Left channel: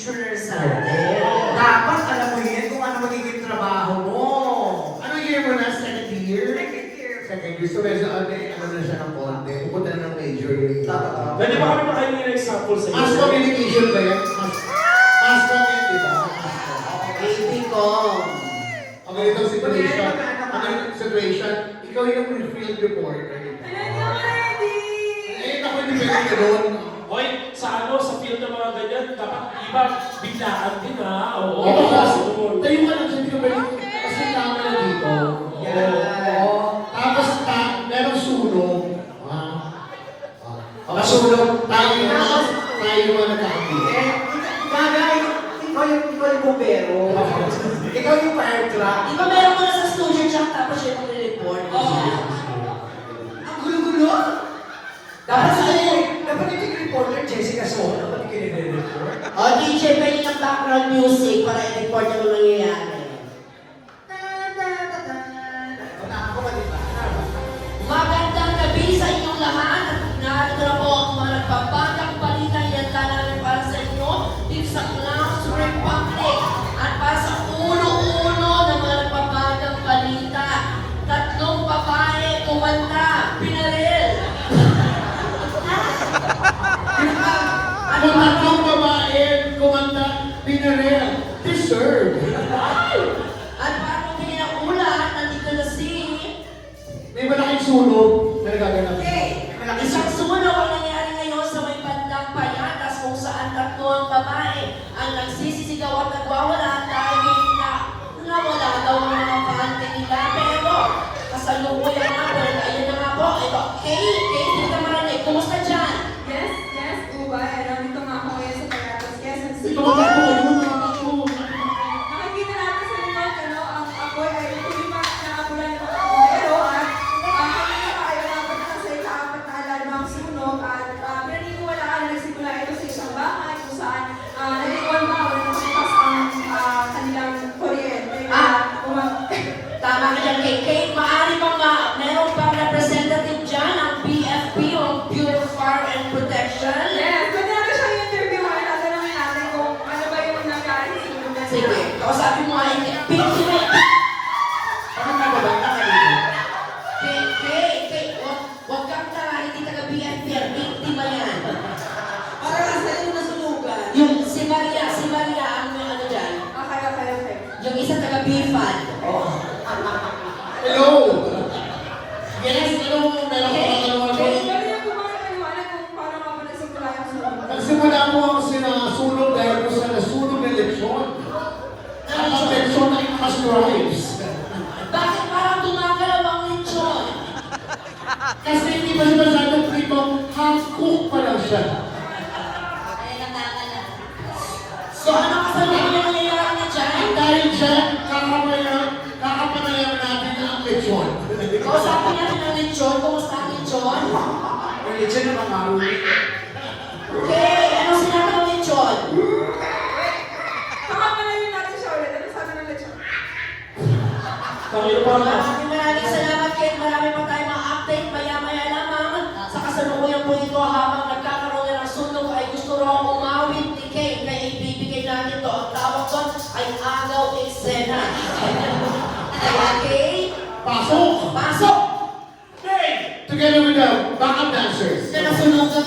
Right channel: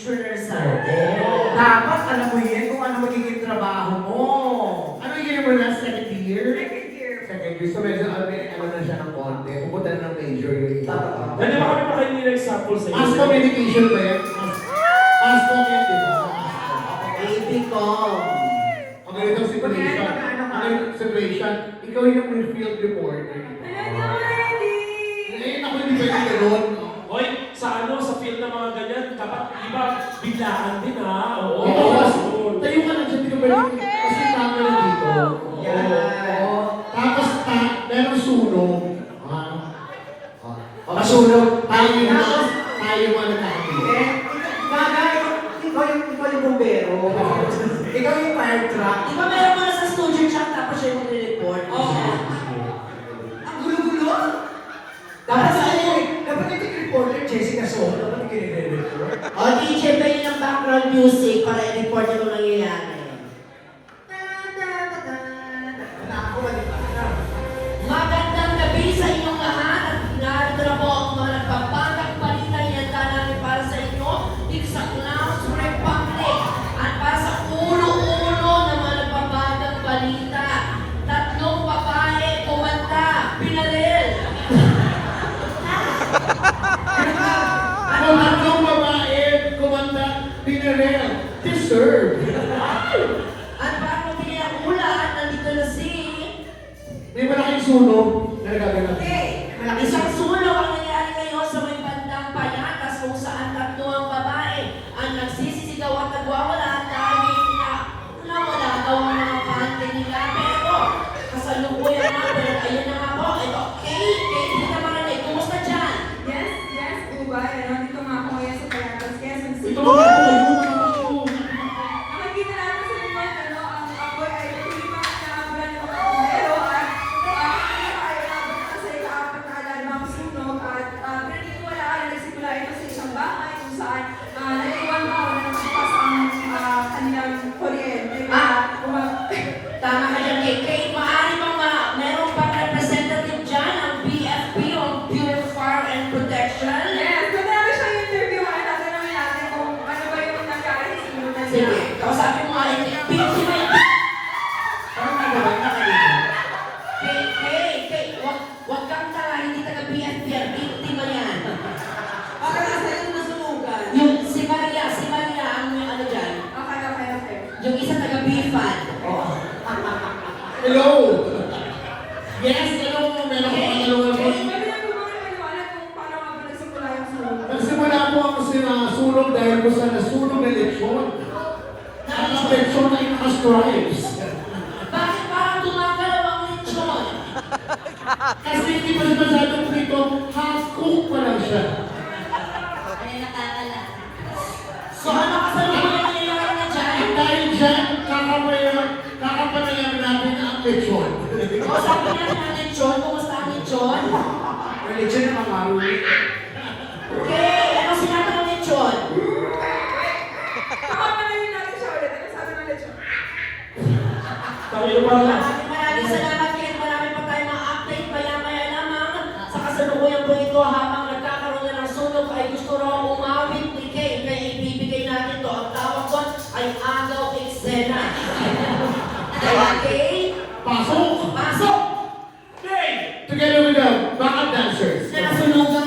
Dapat alam mo yun kung ano magiging trabaho mo. Anong year mo na? Second year? Second year. Second year. So medyo ano na siya ng konti. Pupunta na ng major yun. Pwede ba kami makain ng example sa Mass communication ba yan? Mass communication, di ba? Baby ko. Ang ganitong situation. Ang ganitong situation. Ikaw yung field reporter. Eh, ako hindi pwede ka doon. Hoy, sa ano, sa field ng mga ganyan, dapat iba, biglaan din ha. Oo. Tayo ka lang sa pinabalik. Kasi camera dito. Yan. Tapos merong sunog. Masunog. Tayo ang nagkakabili. Bagay, ikaw yung bumbero. Ikaw yung fire truck. Di ba meron mo na sa studio check tapos siya yung mag-report? Ang gulo-gulo. Dapat yung reporter Jessica Soto. Dapat yung kinire-report. O DJ, pwede ng background music para i-report yung nangyayari. Magandang gabi sa inyong lahat. Narito na po ang mga nagpapagak balitang inanda namin para sa inyo dito sa Class Republic. At para sa ulo-ulo ng mga nagpapagang balita, 3 babae kumanda, pinaril. Kung ang babae, kumanda, pinarel, deserve. At para magbigay ng ulan, nandito na si... May malaking sunog na nagaganap. Isang sunog ang nangyari ngayon sa may bandang Payatas kung saan 3 ang babae ang nagsisisigaw at nagwawala dahil nawala daw ang mga pahante nila. Pero kasalukuyan naman, ayun na nga po, ito, Kay, hindi ka marinig. Kumusta dyan? Yes, Ubay. Nandito nga ako ngayon sa Payatas, Quezon City. Ito ba Nakikita natin sa mga ang apoy ay tulipas na nabulan ng pero at kanina pa ay nabot na sa ika-4 na alarmang sunog at naniniwala ay nagsimula ito sa isang bahay kung saan nag-iwan pa o nagsipas ang kanilang kuryente. Tama ka dyan, Kay. Maaari bang meron bang representative dyan ang BFP o Bureau of Fire and Protection? Yes, kung meron siyang interview ay tatanungin natin kung ano ba yung nangyari sa sunog na Sige, kausapin mo ay biktima. Parang nagabay na kanina. Kay, wag kang tara, hindi taga BFP, biktima yan. Para nasa rin nasunugan. Yung si Maria ang may ano dyan, Okay. yung isa taga BFAD. Hello! Yes, hello! Meron ko pangalawa ko. Pwede niyo kumaliwanag kung paano nga ba nagsimula yung sunog? Nagsimula po ako sinasunog dahil ko sa nasunog na lechon. At ang lechon ay naka-stripes. Bakit parang gumagalaw ang lechon? Kasi hindi pa siya masyadong dito, half-cook pa lang siya. Ay, nakakala. So ano kasabihin yung nangyayari niya dyan? Dahil dyan, kakapanayan natin ang lechon. Kausapin natin ang lechon, kumusta ang lechon? Religion naman marumi. Okay, ano sinabi ng lechon? Kakapalayin natin siya ulit. Ano sabi ng lechon? Tayo pa na. Maraming salamat, Ken. Marami pa tayong mga update maya-maya lamang. Sa kasalukuyan po ito habang nagkakaroon na ng sunog ay gusto raw umawit ni Kay. Kaya ibibigay natin ito. Ang tawag doon ay agaw eksena. Okay? Pasok! Pasok! Hey! Together with the backup dancers. Sa nasunugan.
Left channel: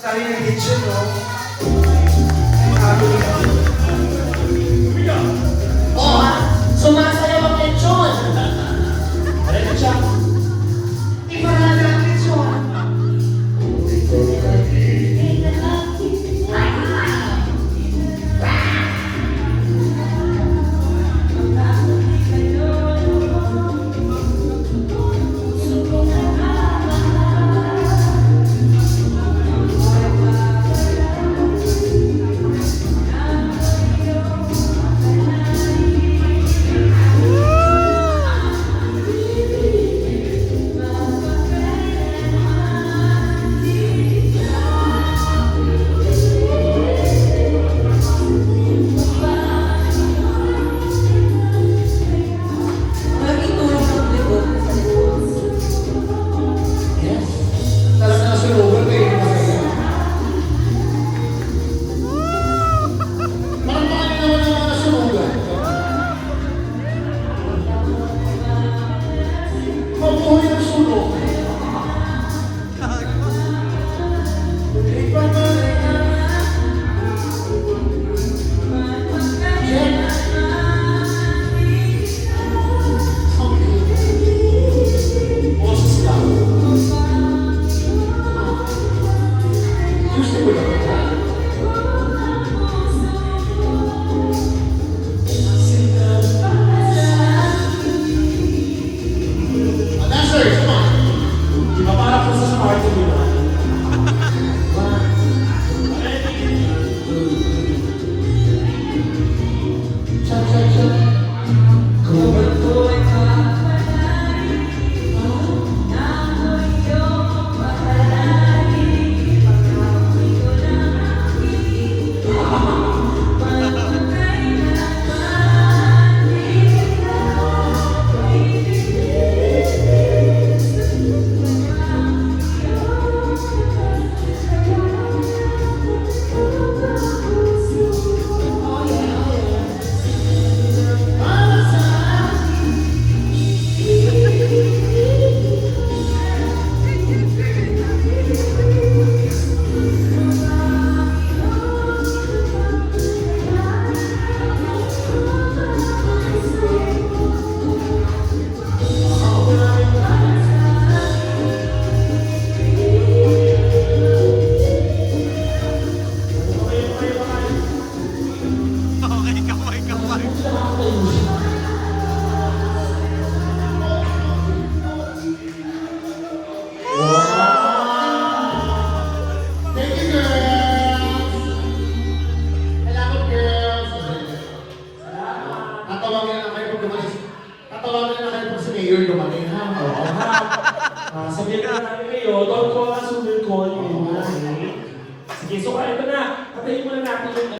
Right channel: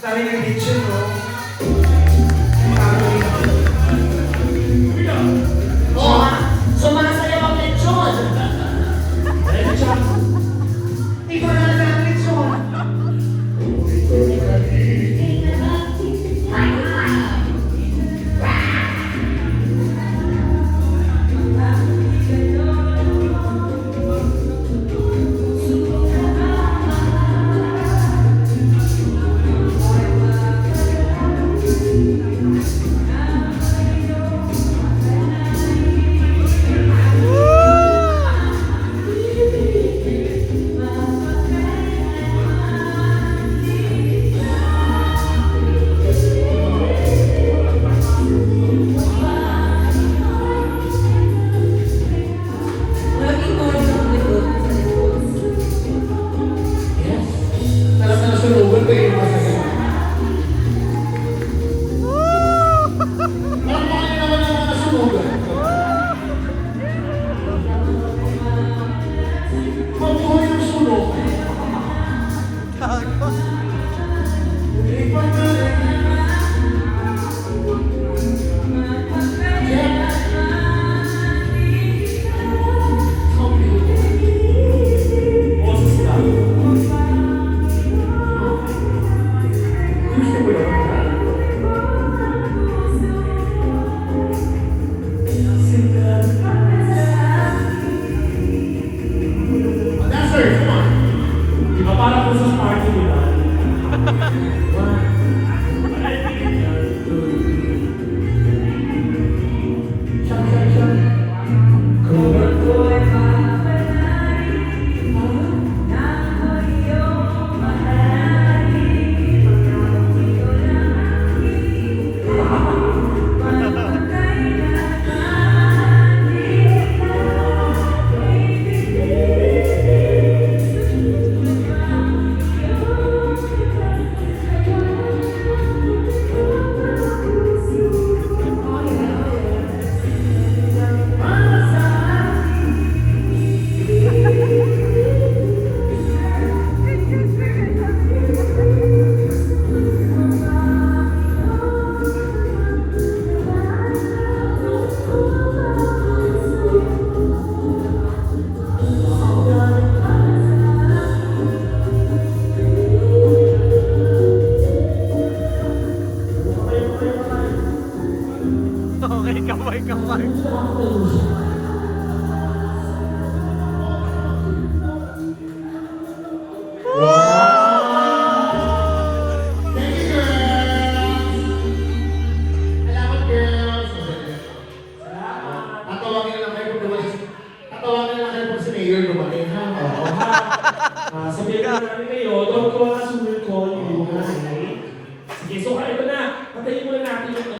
Sabi ng kitchen ko, O, sumasayaw ang lechon. Ready, Jack? ikaw na lang ang kitchen. Okay, kamay. Thank you, girls! Salamat, girls! Tatawagin na lang kayo pag dumating. Tatawagin na lang kayo pag si Mayor dumating, ha? Oo. Sabihin ka namin kayo, don't call us, we will call you. Okay? Sige, so ito na. Patayin muna natin yung